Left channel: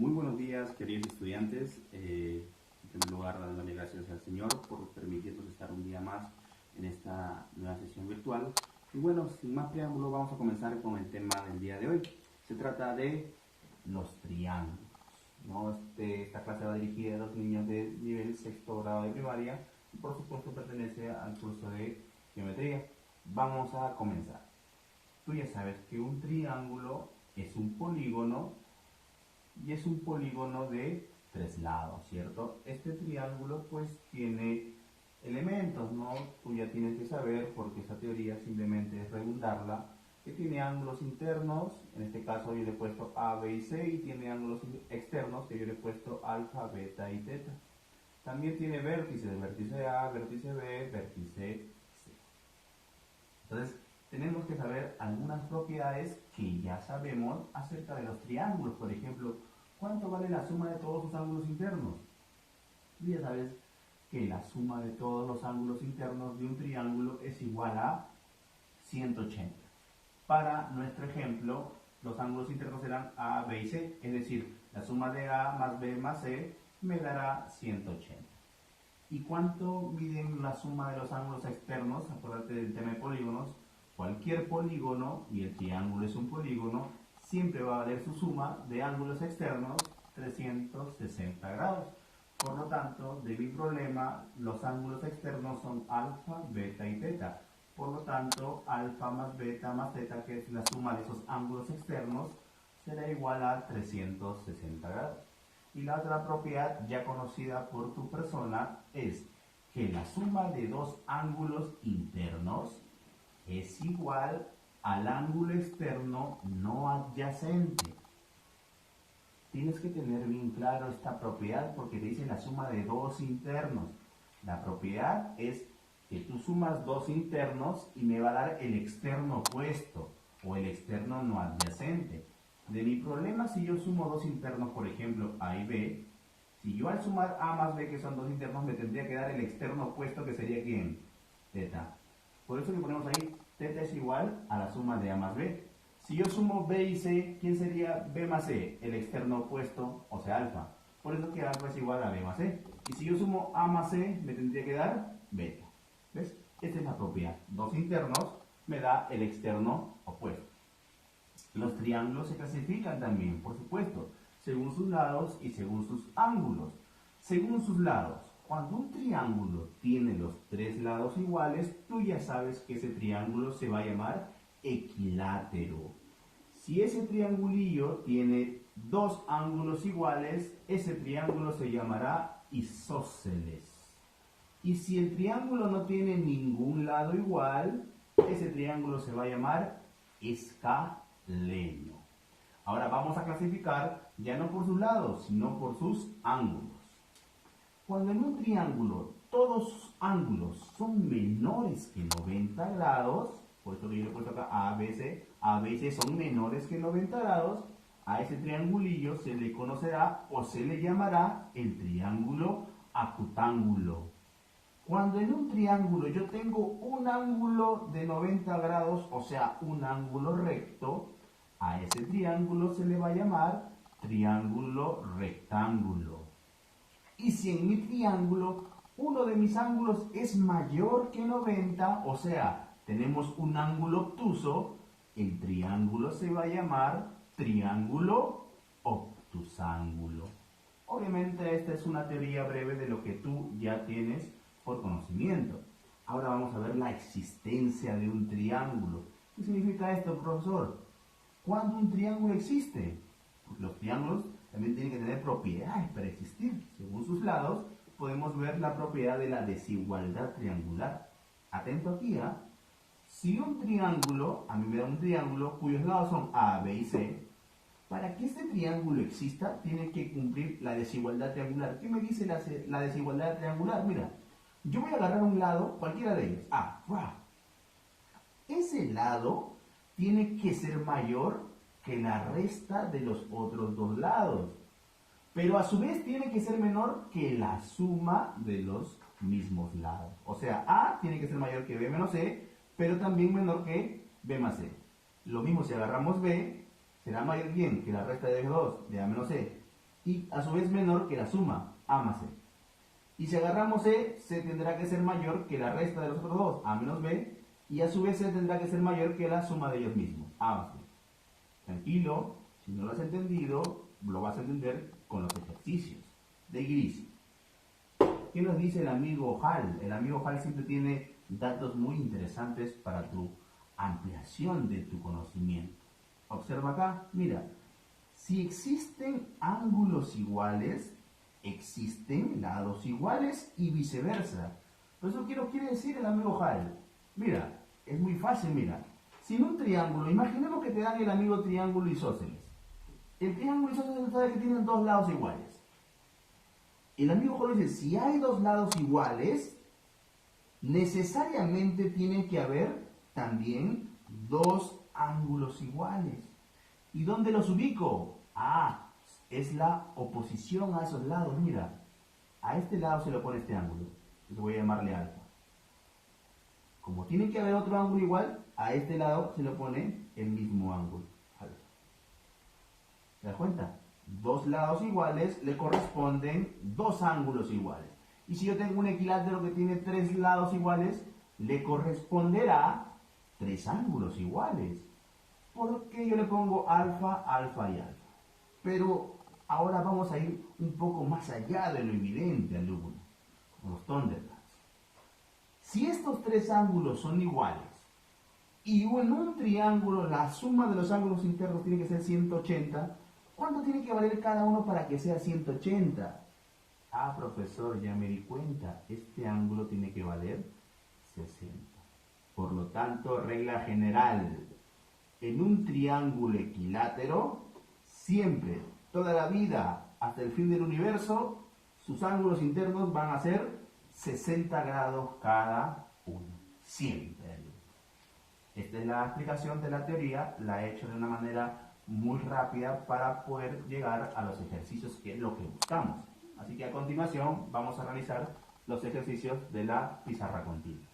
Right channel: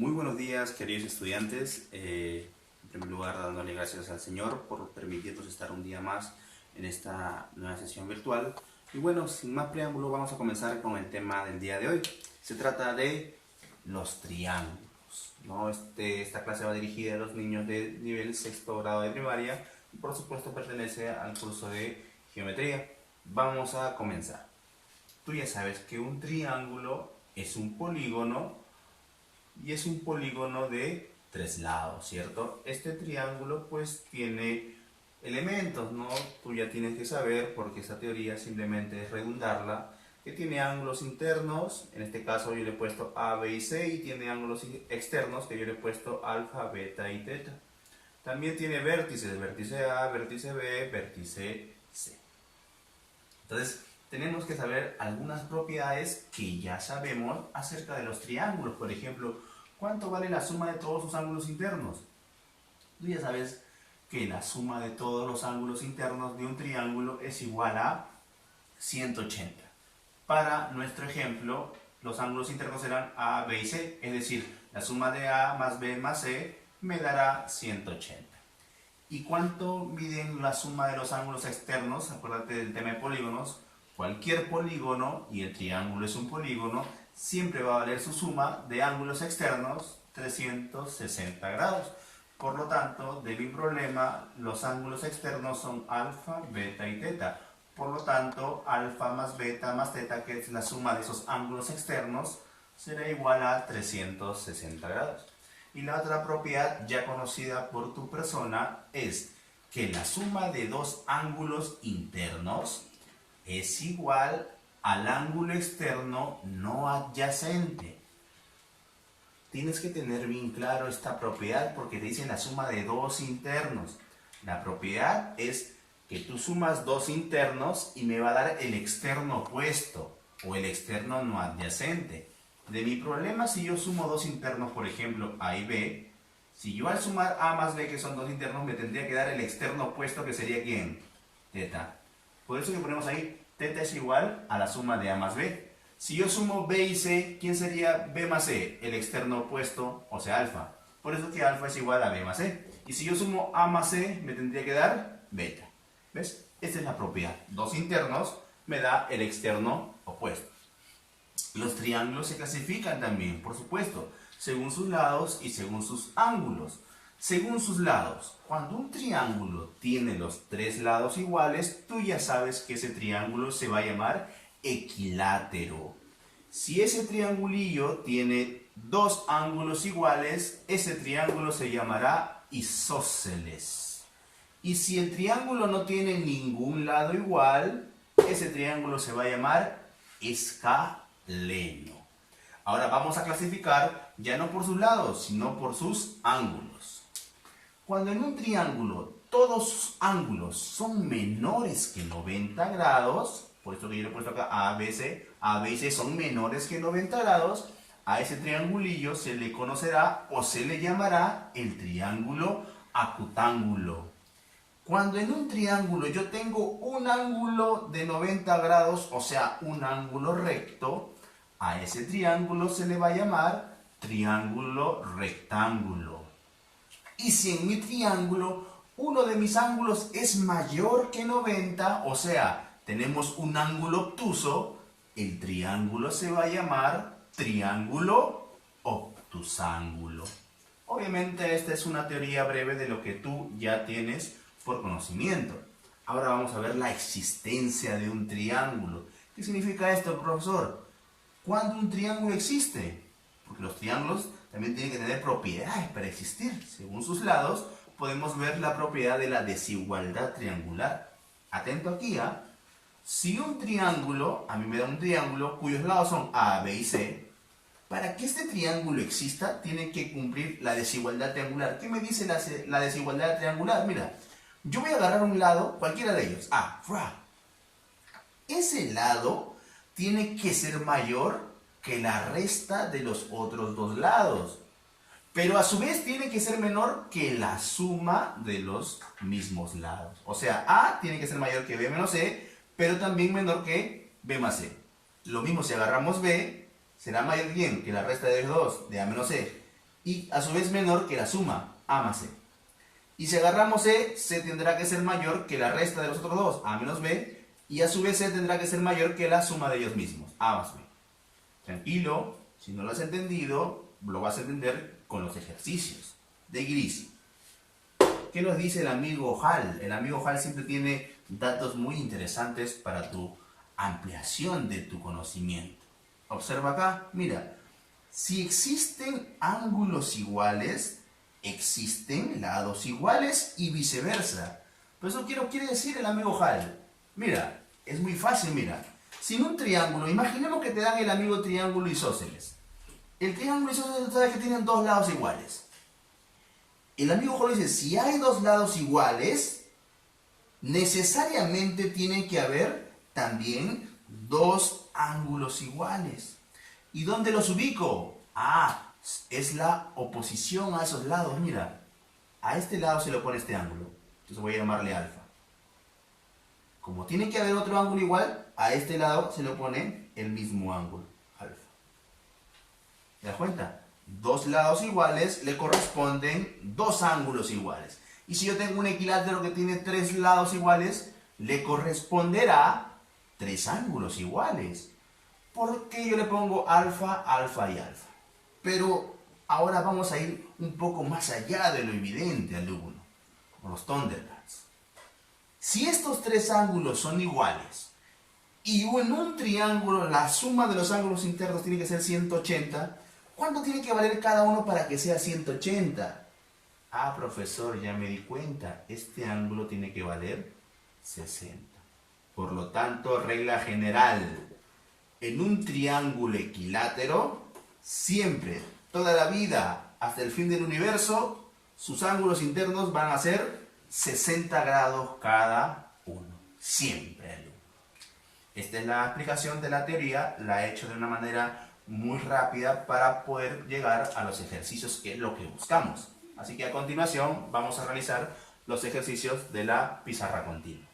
Muy buenos días, queridos estudiantes. En primer lugar, dándole gracias al Señor por permitirnos estar un día más en esta nueva sesión virtual. Y bueno, sin más preámbulo, vamos a comenzar con el tema del día de hoy. Se trata de los triángulos, ¿no? Esta clase va dirigida a los niños de nivel sexto grado de primaria y por supuesto pertenece al curso de geometría. Vamos a comenzar. Tú ya sabes que un triángulo es un polígono y es un polígono de tres lados, ¿cierto? Este triángulo pues tiene elementos, ¿no? Tú ya tienes que saber, porque esta teoría simplemente es redundarla, que tiene ángulos internos, en este caso yo le he puesto A, B y C, y tiene ángulos externos que yo le he puesto alfa, beta y teta. También tiene vértices, vértice A, vértice B, vértice C. Entonces, tenemos que saber algunas propiedades que ya sabemos acerca de los triángulos. Por ejemplo, ¿cuánto vale la suma de todos sus ángulos internos? Tú ya sabes que la suma de todos los ángulos internos de un triángulo es igual a 180. Para nuestro ejemplo, los ángulos internos serán A, B y C, es decir, la suma de A más B más C me dará 180. ¿Y cuánto miden la suma de los ángulos externos? Acuérdate del tema de polígonos. Cualquier polígono, y el triángulo es un polígono, siempre va a valer su suma de ángulos externos 360 grados. Por lo tanto, de mi problema, los ángulos externos son alfa, beta y teta. Por lo tanto, alfa más beta más teta, que es la suma de esos ángulos externos, será igual a 360 grados. Y la otra propiedad ya conocida por tu persona es que la suma de dos ángulos internos es igual al ángulo externo no adyacente. Tienes que tener bien claro esta propiedad porque te dice la suma de dos internos. La propiedad es que tú sumas dos internos y me va a dar el externo opuesto o el externo no adyacente. De mi problema, si yo sumo dos internos, por ejemplo, A y B, si yo al sumar A más B, que son dos internos, me tendría que dar el externo opuesto, que sería ¿quién? Teta. Por eso que ponemos ahí, teta es igual a la suma de A más B. Si yo sumo B y C, ¿quién sería B más C? El externo opuesto, o sea, alfa. Por eso que alfa es igual a B más C. Y si yo sumo A más C, me tendría que dar beta. ¿Ves? Esta es la propiedad. Dos internos me da el externo opuesto. Los triángulos se clasifican también, por supuesto, según sus lados y según sus ángulos. Según sus lados, cuando un triángulo tiene los tres lados iguales, tú ya sabes que ese triángulo se va a llamar equilátero. Si ese triangulillo tiene dos ángulos iguales, ese triángulo se llamará isósceles. Y si el triángulo no tiene ningún lado igual, ese triángulo se va a llamar escaleno. Ahora vamos a clasificar ya no por sus lados, sino por sus ángulos. Cuando en un triángulo todos sus ángulos son menores que 90 grados, por esto que yo le he puesto acá A, B, C, A, B y C son menores que 90 grados, a ese triangulillo se le conocerá o se le llamará el triángulo acutángulo. Cuando en un triángulo yo tengo un ángulo de 90 grados, o sea, un ángulo recto, a ese triángulo se le va a llamar triángulo rectángulo. Y si en mi triángulo uno de mis ángulos es mayor que 90, o sea, tenemos un ángulo obtuso, el triángulo se va a llamar triángulo obtusángulo. Obviamente esta es una teoría breve de lo que tú ya tienes por conocimiento. Ahora vamos a ver la existencia de un triángulo. ¿Qué significa esto, profesor? ¿Cuándo un triángulo existe? Porque los triángulos también tienen que tener propiedades para existir. Según sus lados, podemos ver la propiedad de la desigualdad triangular. Atento aquí, ¿ah? Si un triángulo, a mí me da un triángulo cuyos lados son A, B y C, para que este triángulo exista, tiene que cumplir la desigualdad triangular. ¿Qué me dice la desigualdad triangular? Mira, yo voy a agarrar un lado, cualquiera de ellos. Ese lado tiene que ser mayor que la resta de los otros dos lados. Pero a su vez tiene que ser menor que la suma de los mismos lados. O sea, A tiene que ser mayor que B menos C, pero también menor que B más C. Lo mismo si agarramos B, será mayor bien que la resta de los dos, de A menos C. y a su vez menor que la suma, A más C. Y si agarramos C, C tendrá que ser mayor que la resta de los otros dos, A menos B, y a su vez C tendrá que ser mayor que la suma de ellos mismos, A más B. Tranquilo, si no lo has entendido, lo vas a entender con los ejercicios de Gris. ¿Qué nos dice el amigo Hall? El amigo Hall siempre tiene datos muy interesantes para tu ampliación de tu conocimiento. Observa acá, mira, si existen ángulos iguales, existen lados iguales y viceversa. Por eso quiere decir el amigo Hall. Mira, es muy fácil, mira. Si en un triángulo, imaginemos que te dan el amigo triángulo isósceles. El triángulo isósceles sabe que tienen dos lados iguales. El amigo Hall dice, si hay dos lados iguales, necesariamente tiene que haber también dos ángulos iguales. ¿Y dónde los ubico? Ah, es la oposición a esos lados. Mira, a este lado se le pone este ángulo. Entonces voy a llamarle alfa. Como tiene que haber otro ángulo igual, a este lado se le pone el mismo ángulo, alfa. ¿Te das cuenta? Dos lados iguales le corresponden dos ángulos iguales. Y si yo tengo un equilátero que tiene tres lados iguales, le corresponderá tres ángulos iguales. ¿Por qué yo le pongo alfa, alfa y alfa? Pero ahora vamos a ir un poco más allá de lo evidente, alumno, con los Thunderbirds. Si estos tres ángulos son iguales y en un triángulo la suma de los ángulos internos tiene que ser 180, ¿cuánto tiene que valer cada uno para que sea 180? Ah, profesor, ya me di cuenta, este ángulo tiene que valer 60. Por lo tanto, regla general, en un triángulo equilátero, siempre, toda la vida, hasta el fin del universo, sus ángulos internos van a ser 60 grados cada uno. Siempre, alumno. Esta es la explicación de la teoría, la he hecho de una manera muy rápida para poder llegar a los ejercicios que es lo que buscamos. Así que a continuación vamos a realizar los ejercicios de la pizarra continua.